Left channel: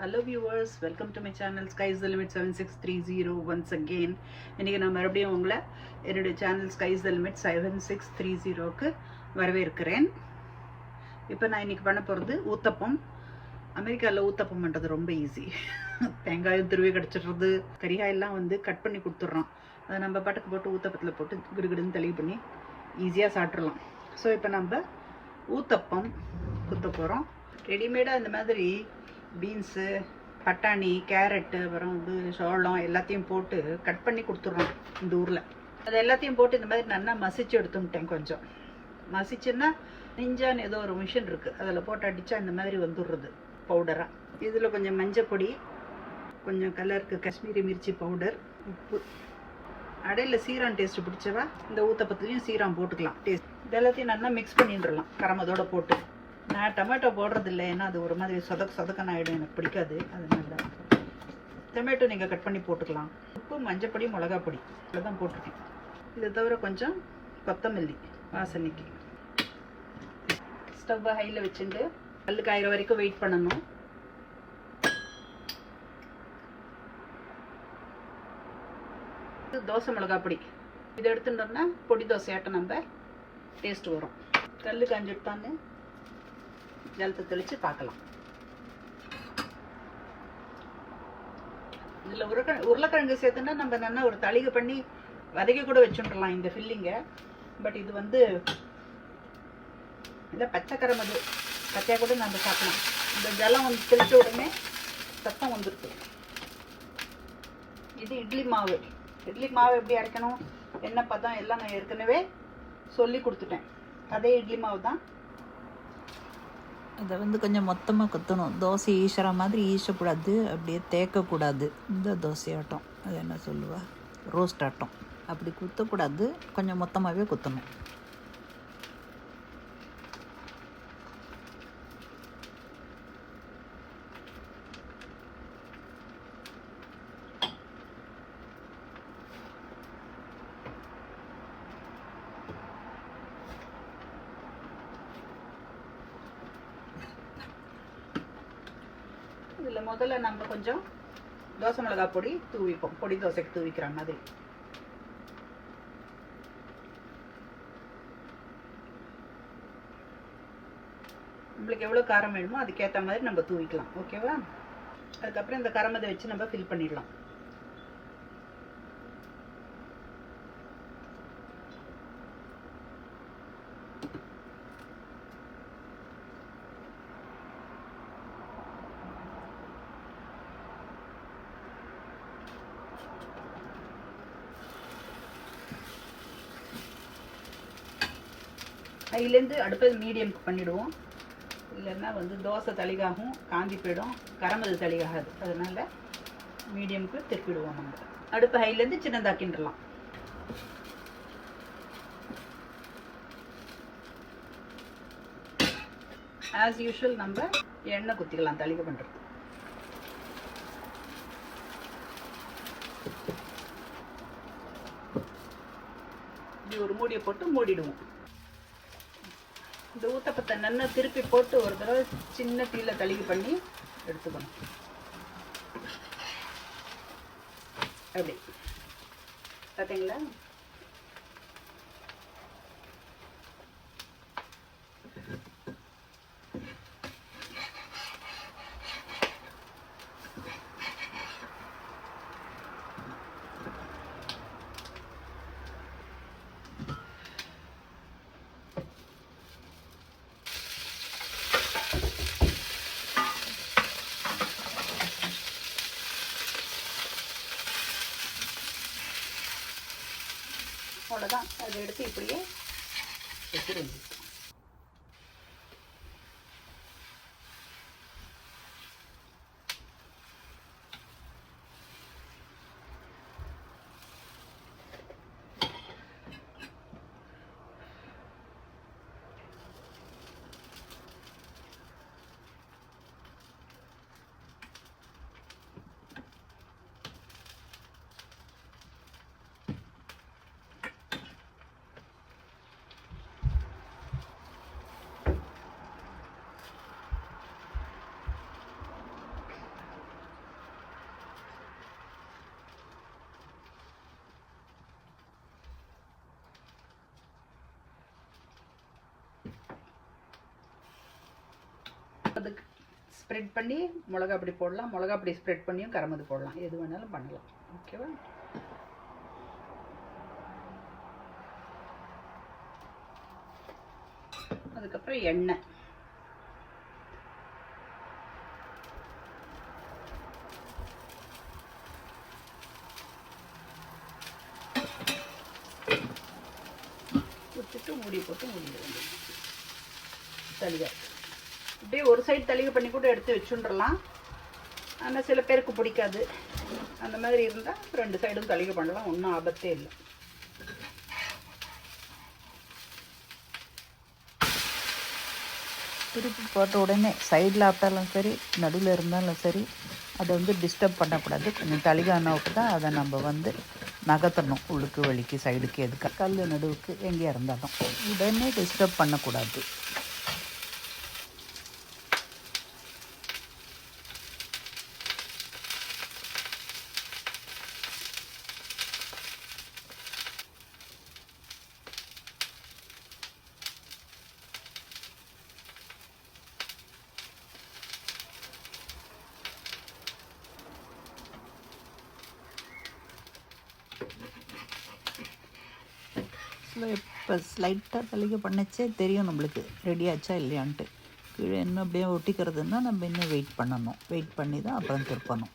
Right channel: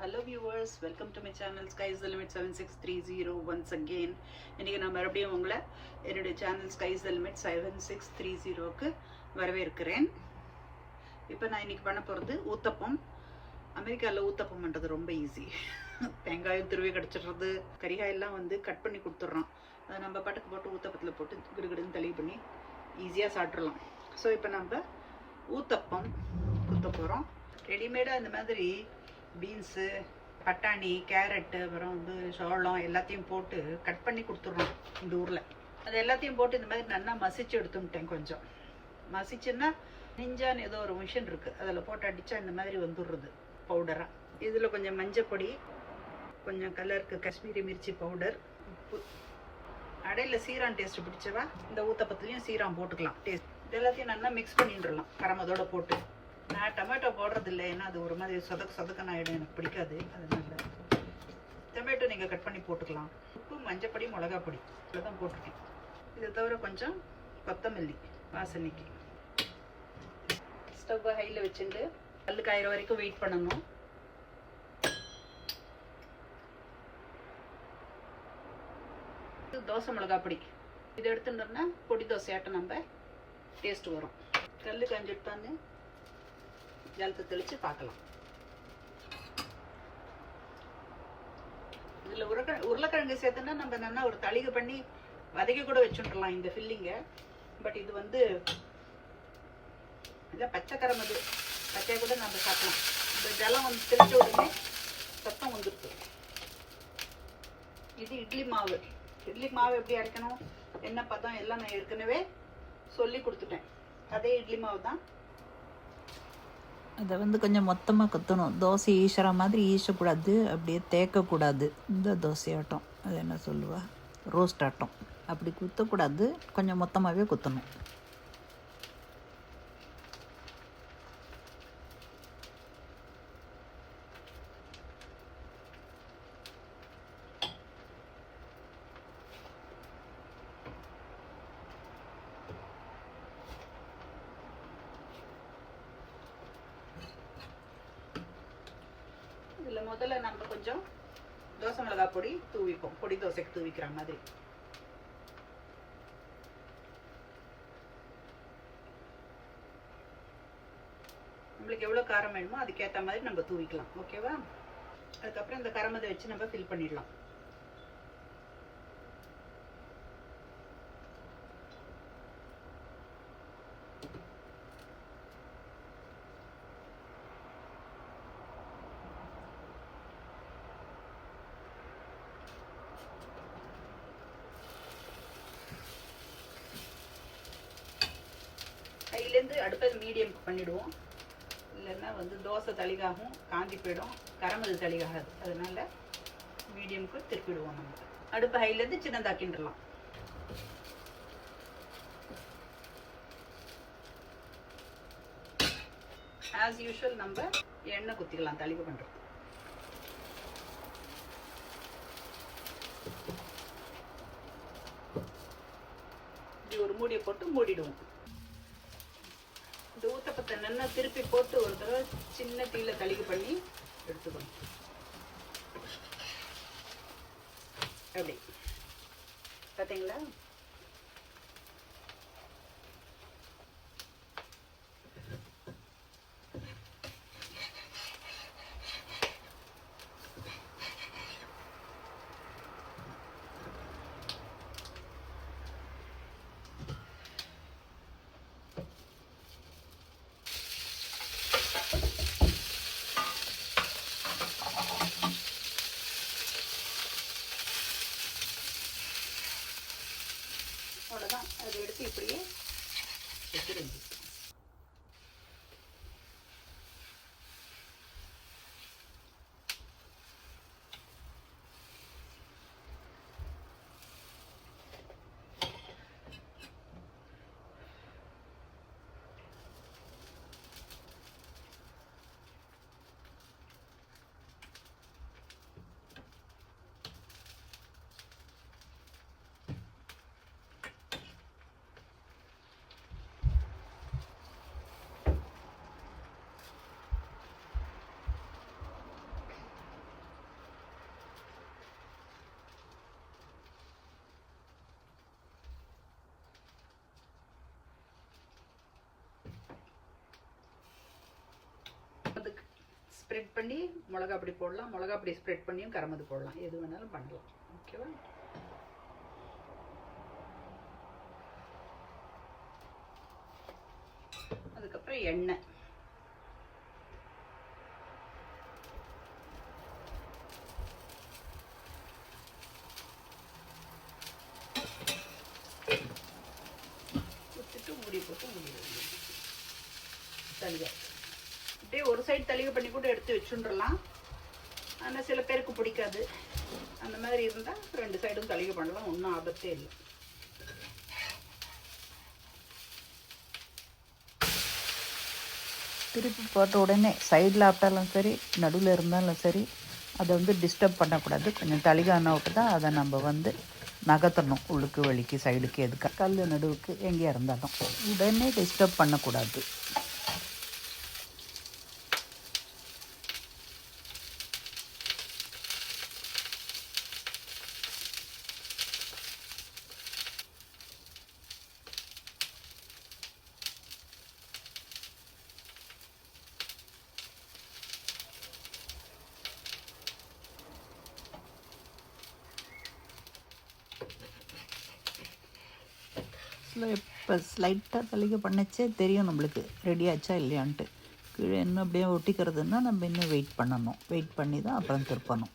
Hello viewers welcome to my channel sky's the limit seven six three zero once again இன்றைக்கி நான் மறுபடியும் உங்களை என்னுடைய channel sky's the limit seven six three ஜீரோவுக்கு வரவேற்கிறேன். இப்போ நான் இன்றைக்கி பண்ண போகிறது ஊத்தப்பம். அமெரிக்காவில் ஊத்தப்பம் பண்ணுறது ரொம்ப ஈஸி தேங்காயும் துருவி கிடச்சிடுறது. கரிகாயெல்லாம் வந்து கட் பண்ணி கொடுத்துட்றோம். அதை நம்ம பாட்டுக்கு போட்டு ஊத்தப்பத்தில் போட்டு கிடுகிடுன்னு தெளிவு பண்ணி ஈஸியாக சாப்பிட்றலாம் ஸோ இப்போ நம்ம ஊத்தப்பம் ஊற்ற போகிறோம் ரெடிமேடாக இந்த மாதிரி பீன்ஸு பட்டாணி கேரட்டு அப்புறம் வந்து சோளம் எல்லாத்தையும் போட்டு கட் பண்ணி கொடுத்துட்றோம் இந்த ஊரில். அது எல்லாத்தையும் போட்டு இந்த மாதிரி நல்லா மசிச்சு எடுத்துட்டேன் கொஞ்சம். மசிச்சுன்னா நிஞ்சான்னு ஏதோ ஒரு மிஷின் இருக்குது அதில் போட்டு அடித்தா இந்த மாதிரி வந்துடுறது பவுடராக இதில் கொஞ்சம் மஞ்சள் பொடி கொஞ்சம் கலருக்கு காஷ்மீரி மிர்ச்சி பவுடர் உப்பு. அடையில் சீரான் டேஸ்ட் பிடிச்சவா? இந்த ஊத்தப்பத்துலேயும் சீரான் போட்டுக்கலாம். டேஸ்ட் இதெல்லாத்தையும் நல்லா மிக்ஸ் பண்ணிட்டுலாம் கரமதோடு போட்டு. நான் டொமேட்டோ போடுறது இல்லை ஏன்னா அது ஒரு மாதிரி சொதக்க சொதக்கன் ஆகிடும் எனக்கு பிடிக்காது. அதனால டொமேட்டோ நீங்கள் கட் பண்ணி போட்டுக்கலாம். உப்பு மஞ்சப்பொடி மிளகா பொடி. இதை தான் போட்டிருக்கேன். இதை தவிர கொஞ்சம் கொத்தமல்லி வாசனைக்கு. ஸ்டவ்வை ஹையில் வச்சுட்டு கல் காயிற வரைக்கும் வெயிட் பண்ணணும். தோசை மிளகா பொடி. இதை எடுத்துட்டோம்னா பொடி தோசையாட்டம் நம்ம டேஸ்ட் வரும். கல் காஞ்சிட்டு தானே ஜலத்தை தெளித்து பார்க்கலாம் இதில் உருக்க உருளைக்கிழங்கு சேர்த்துன்னா நம்ம நல்லா ஒரு தளிகை பண்ணி வதக்கி கூட வச்சுட்டுலாம் இந்த ஃபில்லிங்கை பட் இது வந்து இல்லை பச்சைக்கரம் அது பச்சையாக கூட நம்ம சாப்பிடலாம். இந்த ஜலம் வந்து தெளித்த உடனே சத்தம் வந்துடுது இது இட்லி மாவு. இட்லி மாவு எப்படி அரைக்கணும் என்ன பதம் எல்லாம் நான் ஏற்கனவே சொல்லி கொடுத்துட்டேன். அதே இட்லி மாவு தான் அதை வந்து கொஞ்சம் மொத்தமாக குத்தணும். தோசை ஈசுற மாதிரி ஈசக்கூடாது. அப்படியே தேக்கக்கூடாது. இந்த தோசையாட்டம் அது என்ன சொல்லுவா? ரோஸ்ட் ஆட்டம். அப்படி குத்தக்கூடாது. கொஞ்சம் மொத்தமாகவே குத்தணும். இதில் முதல்ல நம்ம கொஞ்சம் தோசை மிளகா பொடி தூவிப்போம். பொடி தோசைக்கு தூவிக்கிற மாதிரி. நம்மளுக்கு எவ்வளோ காரம் வேணுமோ அதுக்கேற்ற மாதிரி நம்ம தூவிக்கலாம். ஓகேவா அதுக்கப்புறம் இந்த கரமதை வச்சு நம்ம ஃபில் பண்ணிடலாம். ஹைலேருந்து அடுத்தது மீடியம்க்கு பண்ணிவிடுவோம் இல்லைன்னா வந்து தோசை தளிகாகும் காஞ்சி போயிடும். கரமது தளிகாகாது. அதனால மீடியம்க்கு திருப்பிடுவோம் நம்ம. அடுப்பு ஹைலேருந்து சின்னதாக்கின்றலாம். ஆஸ் யூஷுவல் நம்ம எண்ணெய் குத்திக்கலாம் தளிகை பண்ணுறது இப்படி ஒரு மூடியை போட்டு மூடிடுவோம். இந்த ஊத்தப்பத்தை நல்லா திருப்பி போட்டு ஒரு தடவை சின்ன தீல தளிகை பண்ணி எடுத்துக்கணும். அப்படி. பார்த்தீங்களா அவ்வளோதான் அதை எடுத்து இப்படியே வச்சுருங்க அதுக்கு ஸ்ப்ரெட் பண்ணி மிளகா அப்படி போடலாம். மிளகா அப்படி ஸ்ப்ரெட் பண்ணியும் கரமது போடலாம். எது வேணாலும் பண்ணலாம். ஓகேவா அதுக்கப்புறம் எண்ணெய். ஊற்றிட்டு மூடி போட்டு மூடிட வேண்டியது. அப்படியே ஒரு சைடு தலிகை பண்ணி கூட எடுத்து வச்சுட்றலாம் ஆனால் சில பேருக்கு பிடிக்காது. அந்த மாதிரி இருந்தால் ரெண்டு சைடும் தலிகை பண்ணலாம். ஒன்றும் ஆபத்தே இல்லை. திருப்பி போட்ட உடனே சைடில் ஆப்பிட்டாலும் சரி நடுவில் இருந்தாலும் சரி அதை வந்து டிஸ்டர்ப் பண்ணக்கூடாது. கொஞ்சம் தளிகான விட்டு தான் அதை நம்ம வந்து நகர்த்தணும். உள்ளுக்கு வலிக்கு சைடுக்கு எதுக்கு. கல் நடுவுக்கு எங்கேயா இருந்தாலும். உடனே டிஸ்டர்ப் பண்ணக்கூடாது. ஸ்லோ இப்போ ஸ்லைட்டாக தலிகை பண்ணச்சே தெரியும் நம்மளுக்கு. ரெடி ஆச்சா இல்லையான்ட்டு. கீழே இன்னும் அப்படியே ஒட்டிக்கிறதுன்னா நம்ம இன்னும் வெயிட் பண்ணணும். வெயிட் பண்ணி தான் அப்புறம் திருப்பணும்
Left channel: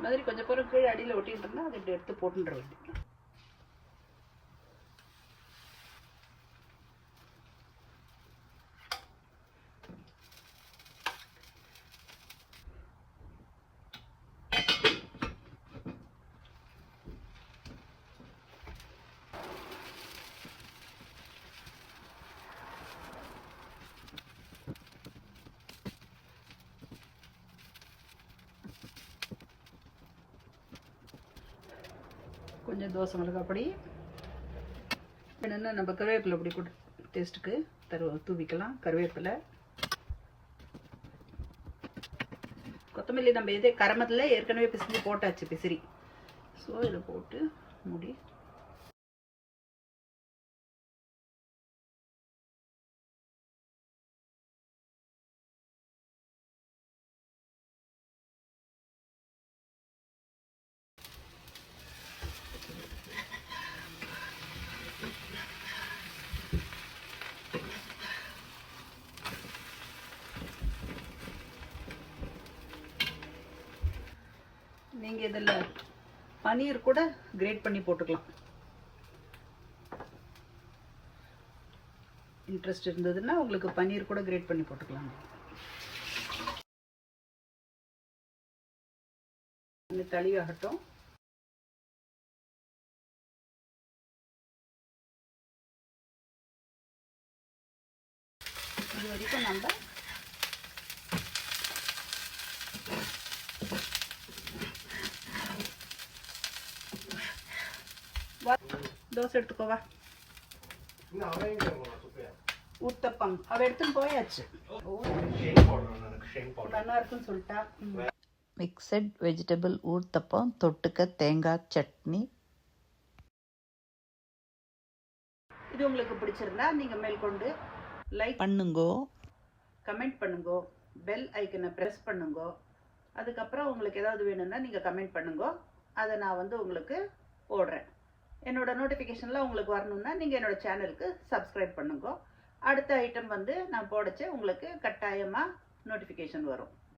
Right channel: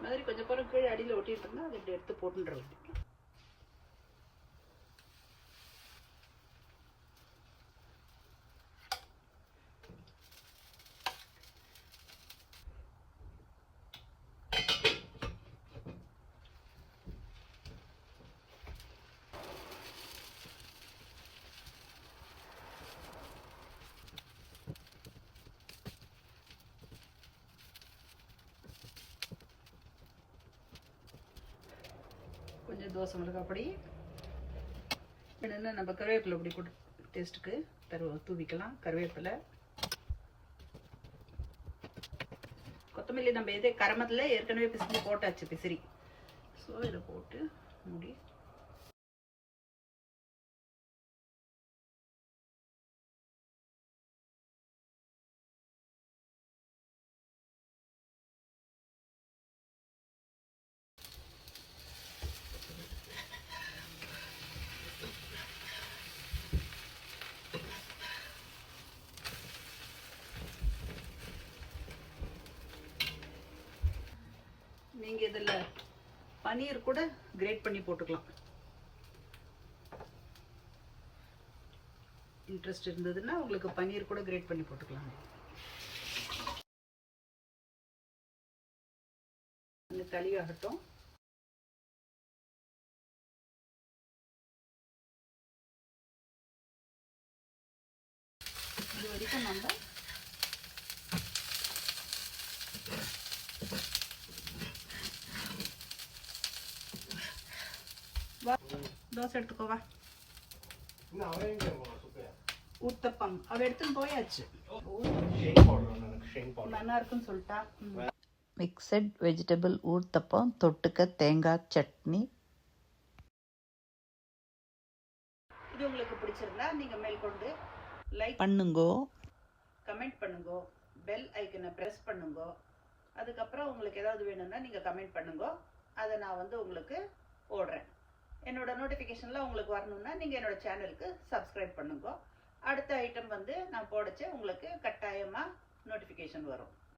இந்த மாதிரி கொஞ்சம் பேரும் கீழே அடியில் ஒட்டிகிட்டு இருந்தால் அதை எடுத்து போட்டுன்ற வேண்டியது கொஞ்சம் தோசை மிளகா பொடி. என்னென்ன நம்ம கருவேப்பிலை பொடி கொடு டேஸ்ட்டுக்கு தரு தூவிக்கலாம். கருவேப்பிலை. கொத்தமல்லி நம்ம எதே கரமத்தில் ஏற்கனவே பிசிறி போட்டாச்சு பிசிறி. ஸோ இதை போட்டு மூடி நீங்கள் இதில் பனீர் கூட கிரேட் பண்ணி போட்டுக்கலாம். இன்ட்ரெஸ்ட் இருந்ததுன்னா உங்களுக்கு பனீர் கூட கிரேட் பண்ணி போட்டுக்கலாம். இந்த தளியாகட்டும். இது வரைக்கும் நம்ம தோசை எடுத்துக்கோவா ஊத்தப்பம் அவ எடுத்துன்னு போயாச்சு. ஓ நல்லா இருக்குன்னு சொல்லிட்டா. மிக்சட் வெஜிடபிள் ஊத்தப்பம் தொட்டுக்க தேங்காய் சட்னி. இது உங்களுக்கு பிடிச்சிருந்தா நீங்க மேற்கொண்டு லைக் பண்ணுங்கோ. கமெண்ட் பண்ணுங்க. பெல் ஐக்கனை ப்ரெஸ் பண்ணுங்க. அதுக்கப்புறம் உங்களுக்கு ஏதாவது வேணும்னா நீங்கள் கமெண்ட் பண்ணுங்க. அதை நான் வந்து உங்களுக்கு போடுறேன். என்னோட நோட்டிஃபிகேஷனில் உங்களுக்கு வரணுன்னா நீங்கள் என்னோடய சேனலுக்கு சப்ஸ்கிரைப் பண்ணுங்க. அடுத்த ஐட்டம் வந்து நான் போடச்சு உங்களுக்கு கட்டாயமாக நோட்டிஃபிகேஷன் வரும்.